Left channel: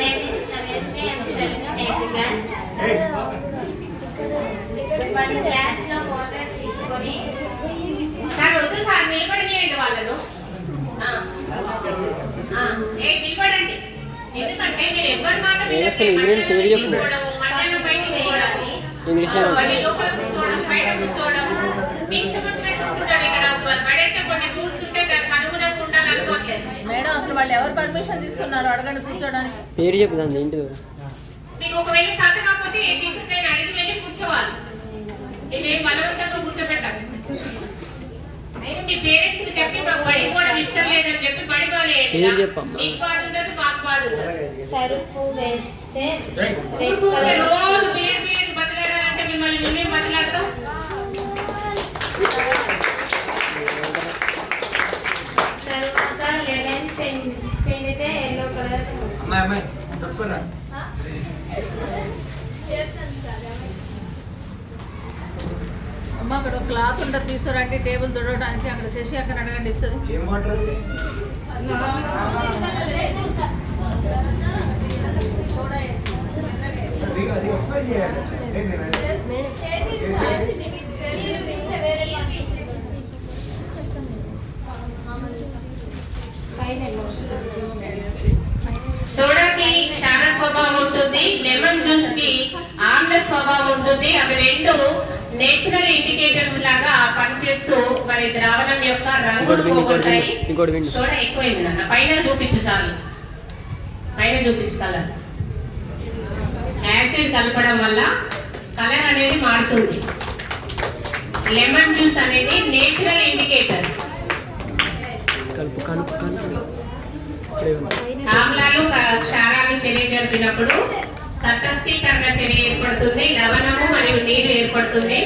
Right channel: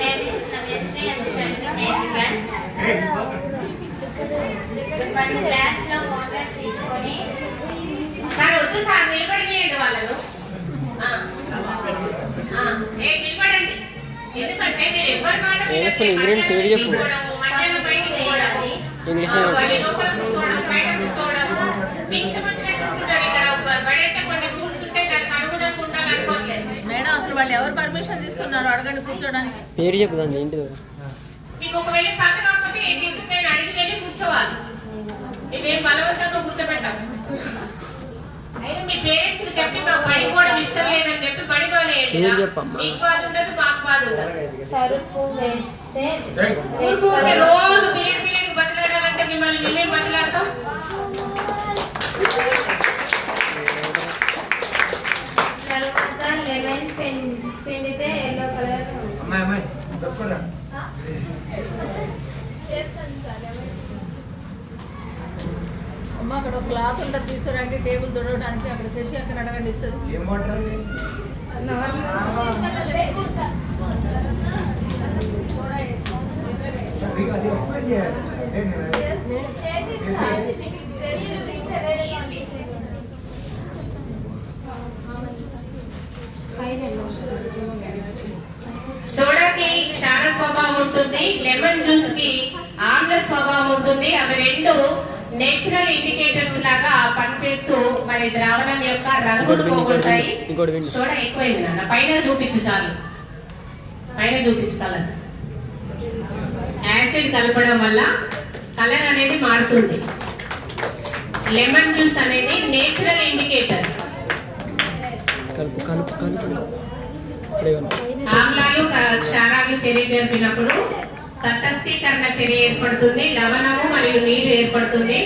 name is Rameshri. I am studying in 8th class. One class లో water తీసుకొని sir వద్దు sir నిలబడియండి వాళ్ళను. నిలబడండి. ఎందుకంటే మీరు ఎవరి మాట ఇంగ్లీష్ కూర్చోవడం బయట కూర్చోవడం మీ ఇష్టం వచ్చినట్టు కూర్చుంటారు. ఇక్కడ బయట కొన్ని రూల్స్ ఉంటాయి, దానికి అనుగుణంగా ఉండాలనుకోవట్లేదు. మేడం అసలు వాళ్ళు ఎవరు పర్మిషన్ తీసుకున్నారు అడగండి కూర్చోడానికి? పేరు చెప్పుదండి ఇంటి మీకు ఒకవేళ చేత కాకపోతే ఏం టీచర్ నేను అడిగి వెళ్ళి కూర్చోవాలి. ఇదేం బలవంతంగా కూర్చోబెట్టాలి. అయినా మీ పేరెంట్స్ కి చెప్పి మాకు బడి కూడా ఇష్టం లేదని చెప్పి బడి మీకు బాధ ఉండదు, మాకు బాధ ఉండదు. సరుపు వేస్తే రోజు మీరు బతలాడాలంటే మిమ్మల్ని మేము బతలాడతాం. తర్వాత లెమన్ పిండితే ఎల్లో కలర్ అమ్మ అక్కడ ఒక క్లాత్ ఉంటుంది తీసుకురండి, టేబుల్ తుడవడానికి. అక్కడ శశి అక్కడ అడగండి ఇస్తుంది. సోడాకి క్షార స్వభావం ఉంటుంది, లెమన్ జ్యూస్ కి ఆమ్ల స్వభావం ఉంటుంది. అవి రెండు నేచురల్ ఇండికేటర్స్ లాగా పనిచేస్తూ మరి ద్రావణం యొక్క రంగు సోడా ఎక్కువైంది అన్న. పైన చూపించు, చాలు పైన చూపించు. కలర్ యాసిడ్ కలపడం వల్ల కలర్ అనేది మారుతుంది. లెమన్ జ్యూస్ అనేది నేచురల్ ఇండికేటర్. ఆమ్లాలు క్షారాలు చర్య జరిపినప్పుడు తటస్థీకరణ చర్య ఏర్పడుతుంది, లవణము మరియు నీరు ఏర్పడుతుంది.